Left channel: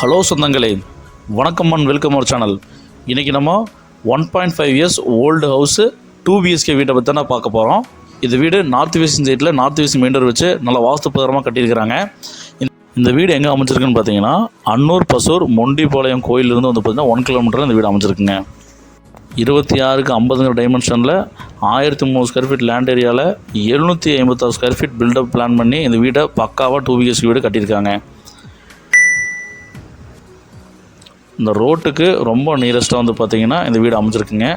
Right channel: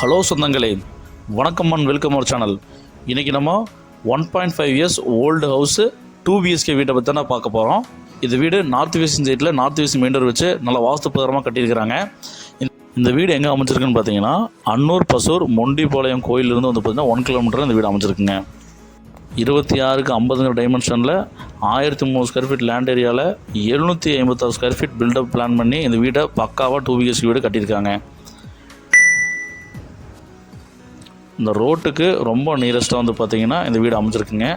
Hello சொந்தங்களே வணக்கம் and welcome our channel. இன்றைக்கி நம்ம one point five years old house two BHK வீட்டை பற்றி தான் பார்க்க போகிறோம் இது வீடு நார்த் வெஸ்ட் சைட்டில் நார்த் வெஸ்ட் மெயின்டர் வச்சு நல்லா வாஸ்து பிரகாரமாக கட்டியிருக்கிறாங்க. இந்த- வீடு எங்கே அமைச்சிருக்குன்னு பார்த்தீங்கன்னா அன்னூர் பசூர் மொண்டிபாளையம் கோயிலிருந்து வந்து பார்த்தீங்கன்னா ஒன் கிலோமீட்டர் இந்த வீடு அமைச்சிருக்குங்க இருபத்தி ஆறுக்கு ஐம்பதுங்கிற டைமென்ஷனில் ஆயிரத்தி மூணு ஸ்கொயர் ஃபீட் லேண்ட் ஏரியாவில் எழுநூற்றி ஐம்பத்தாறு ஸ்கொயர் ஃபீட் பில்டப் பிளான் பண்ணி இந்த வீடை பக்காவாக டூ பிஎஸ்கே வீடு கட்டியிருக்காங்க. இந்த ரோட்டுக்கு ரொம்ப நியரஸ்ட்டாக வந்து பார்த்திங்கன்னா இந்த வீடு அமைச்சிருக்குங்க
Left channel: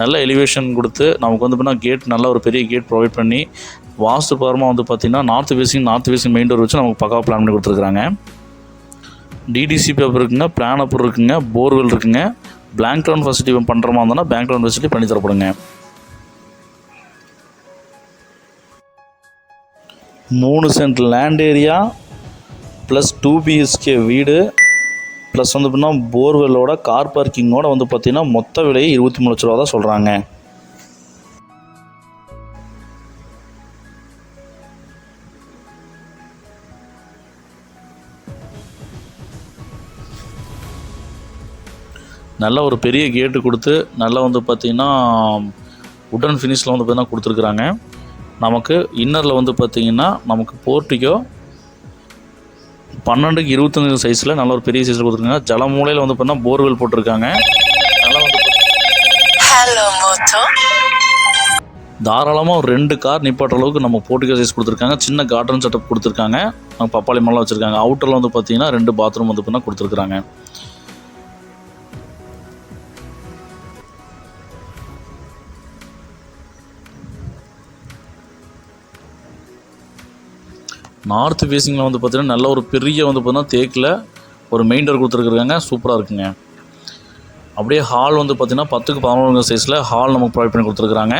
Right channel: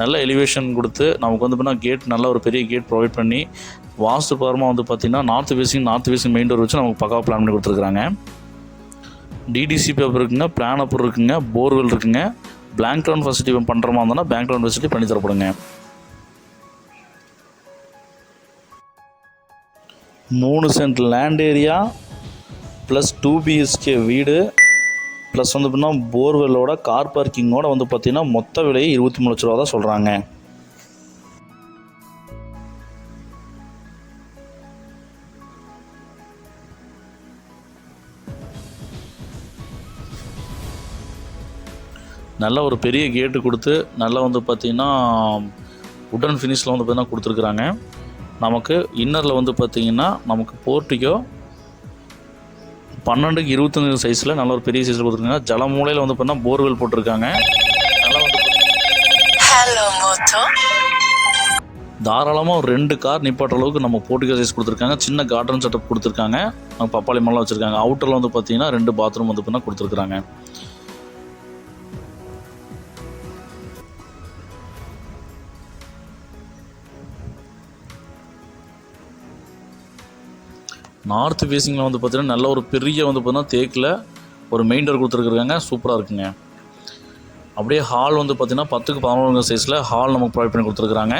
நல்ல எலிவேஷன் கொடுத்து நமக்கு வந்து பார்த்தீங்கன்னா கேட் நல்ல ஒரு பெரிய கேட் ப்ரொவைட் பண்ணி வாஸ்து பரமாக வந்து பார்த்தீங்கன்னா north facing north facing main door வச்சு நமக்கு பக்காவாக பிளான் பண்ணி கொடுத்துருக்காங்க டிடிசி பேப்பர் இருக்குங்க பிளான் அப்பர் இருக்குங்க போர்வெல் இருக்குங்க. பிளாங்க் லோன் ஃபெசிலிட்டி பண்ணுற மாதிரி இருந்தோன்னா பேங்க் லோன் ஃபெசிலிட்டி பண்ணி தரப்படுங்க. மூணு cent land area plus two BHK வீடு. ப்ளஸ் வந்து பார்த்தீங்கன்னா போர்வெல்லோட கார் பார்க்கிங்கோட வந்து பார்த்தீங்கன்னா மொத்த விலையை இருபத்தி மூணு லட்ச ரூபா தான் சொல்கிறாங்க நல்ல ஒரு பெரிய கேட்டு கொடுத்து நல்லா வந்து பார்த்திங்கன்னா உடன் ஃபினிஷில் வந்து பார்த்தீங்கன்னா கொடுத்துருக்குறாங்க. நமக்கு இன்னரில் வந்து பார்த்திங்கன்னா நமக்கு போர்ட்டிக்கோ பன்னெண்டுக்கு இருபத்தஞ்சு சைஸில் நல்ல ஒரு பெரிய சைஸில் கொடுத்துருக்காங்க. ஜல மூலையில் வந்து பார்த்தீங்கன்னா போர்வெல் போட்டிருக்காங்க. தாராளமாக ஒரு ரெண்டு கார் நிப்பாட்டுற அளவுக்கு நம்ம போர்ட்டிகல் சைஸ் கொடுத்துருக்காங்க. சின்ன கார்டன் செட்டப் கொடுத்துருக்காங்க. நம்ம பப்பாளி மரம் வச்சுருக்காங்க. அவுட்டரில் வந்து பார்த்தீங்கன்னா ரெண்டு பாத்ரூம் வந்து பார்த்தீங்கன்னா கொடுத்துருக்காங்க நார்த் ஃபேஸிங்கில் வந்து பார்த்திங்கன்னா நல்ல ஒரு பெரிய வந்து பார்த்தீங்கன்னா தேக்கில் ஒரு மெயின் டோர் கொடுத்துருக்குறாங்க. சூப்பராக இருக்குங்க. அப்படியே ஹால் வந்து பார்த்திங்கன்னா பத்துக்கு பதினொன்று சைஸில் ஹால் நமக்கு ப்ரொவைட் பண்ணி கொடுத்துருக்குறாங்க.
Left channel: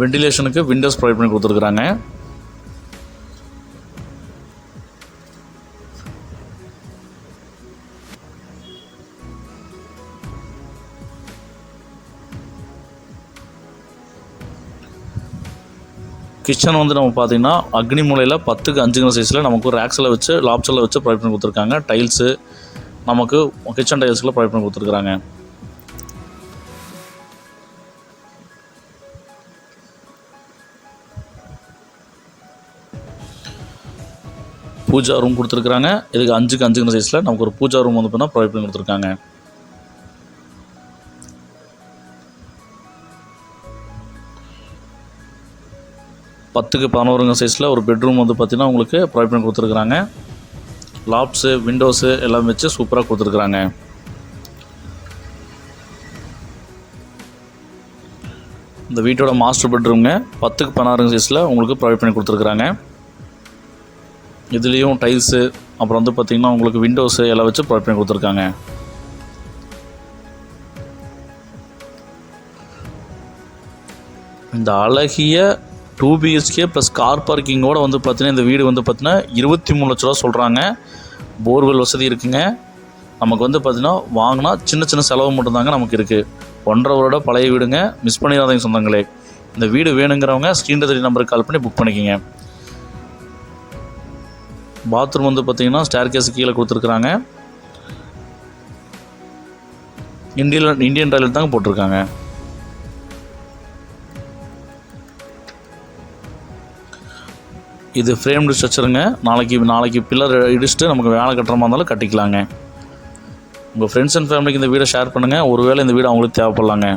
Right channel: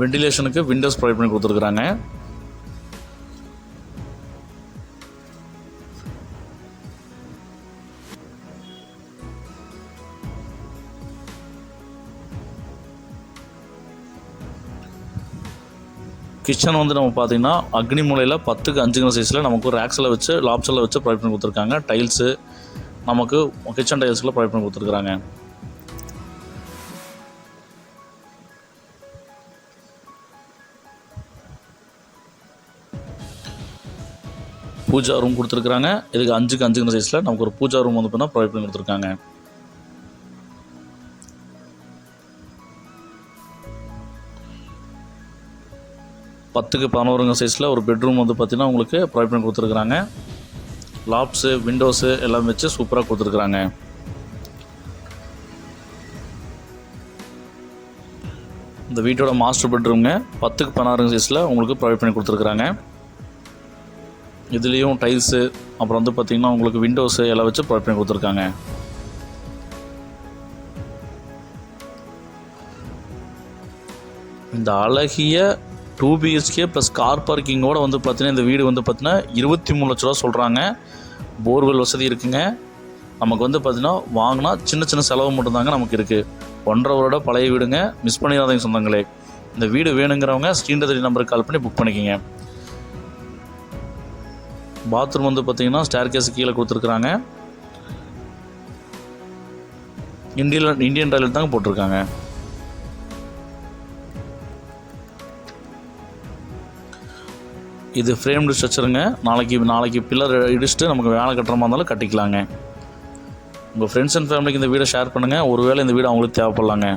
வெண்டிலேஷனுக்கு விண்டோஸ் ப்ரொவைட் பண்ணி கொடுத்துருக்குறாங்க. கிச்சன் வந்து நம்ம பார்த்தீங்கன்னா அக்னி மூலையில் பத்துக்கு அஞ்சுங்கிற சைஸில் நமக்கு ரேக்ஸில் வச்சு லாப்ஸில் வச்சு ப்ரொவைட் பண்ணி கொடுத்துருக்காங்க. டைல்ஸு நமக்கு கிச்சன் டைல்ஸில் ப்ரொவைட் பண்ணி கொடுத்துருக்குறாங்க. பூஜா ரூம் கொடுத்துருக்குறாங்க. இதுக்கு அஞ்சுக்கு அஞ்சுங்கிற சைஸில் நமக்கு ஒரு பூஜா ரூம் வந்து பார்த்தீங்கன்னா ப்ரொவைட் பண்ணி கொடுத்துருக்காங்க. பத்துக்கு பதினோருங்க சைஸில் ஒரு பெட்ரூம் வந்து பார்த்தீங்கன்னா உங்களுக்கு ப்ரொவைட் பண்ணி கொடுத்துருக்குறாங்க. லாப்ஸு விண்டோஸு எல்லாம் வச்சு சூப்பராக கொடுத்துருக்குறாங்க. இந்த வீட்டோட மாஸ்டர் பெட்ரூம்ங்க பத்துக்கு பதினாறுங்க சைஸில் உங்களுக்கு ப்ரொவைட் பண்ணி கொடுத்துருக்குறாங்க. இதுலேயும் டைல்ஸு அப்புறம் வந்து பார்த்திங்கன்னா உங்களுக்கு விண்டோஸு எல்லாம் வச்சு ப்ரொவைட் பண்ணி கொடுத்துருக்காங்க. இந்த அழகிய டூ பிஹெச்கே ப்ளஸ் கார் பார்க்கிங்கோட வந்து பார்த்தீங்கன்னா இந்த வீடு வந்து பார்த்தீங்கன்னா இருபத்தி மூணு லட்ச ரூபா சொல்கிறாங்க போர்வெல் வசதி இருக்குங்க. நமக்கு வந்து பார்த்தீங்கன்னா வாங்கினா சின்ன சின்ன செலவு மட்டும்தாங்க நமக்கு இருக்குது ஒன்றரை வருட பழைய வீடுங்க. மிஸ் பண்ணிடாதீங்க சொந்தங்களே. இந்த வீடு வேணுங்கிறவங்க ஸ்க்ரீன் தெரிய நம்பருக்கு கால் பண்ணி புக் பண்ணிக்கோங்க. பாத்ரூம் வந்து பார்த்தீங்கன்னா ஸ்டேர் கேஸ் கீழே கொடுத்துருக்குறாங்க. இந்தியன் இந்தியன் டாய்லெட் தாங்க போட்டிருக்காங்க. இது ஃப்ரேம்டு ஸ்ட்ரக்சருங்க நாளைக்கு நாளைக்கு பில்லர் இடிச்சுட்டு நமக்கு வேலை கட்டுற மாதிரி இருந்தாலும் கட்டிக்கலாங்க. உங்கள் ஃப்ரெண்ட்ஸ் அண்ட் ஃபேமிலிக்கு இந்த வீடை ஷேர் பண்ணுங்கள் ஒருவேளை இந்த வீடு அவங்களுக்கு தேவைப்படலாங்க.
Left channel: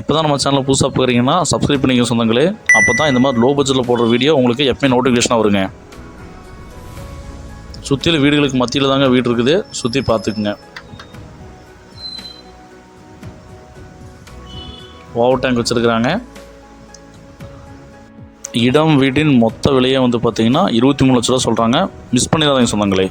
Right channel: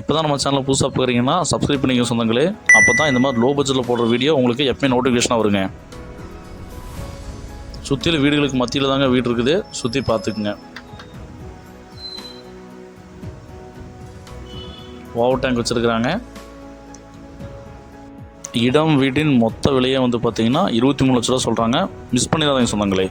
இப்போ தான் நம்ம சேனலில் புதுசாக பார்க்குறீங்கன்னா சப்ஸ்கிரைப் பண்ணிக்க சொந்தங்களே. அப்போ தான் இந்த மாதிரி லோ பட்ஜெட்டில் போடுற வீடியோ உங்களுக்கு எப்பயும் நோட்டிஃபிகேஷனாக வருங்க. சுற்றியில் வீடுகளுக்கு மத்தியில் தாங்க வீடு இருக்குது. சுற்றி பார்த்துக்குங்க. வாவ் டேங்க் வச்சுருக்குறாங்க. இடம் வீட்டின் மொத்த விலையே வந்து பார்த்தீங்கன்னா இருபத்தி மூணு லட்ச ரூபா சொல்கிறாங்க மிஸ் பண்ணிடாதீங்க சொந்தங்களே.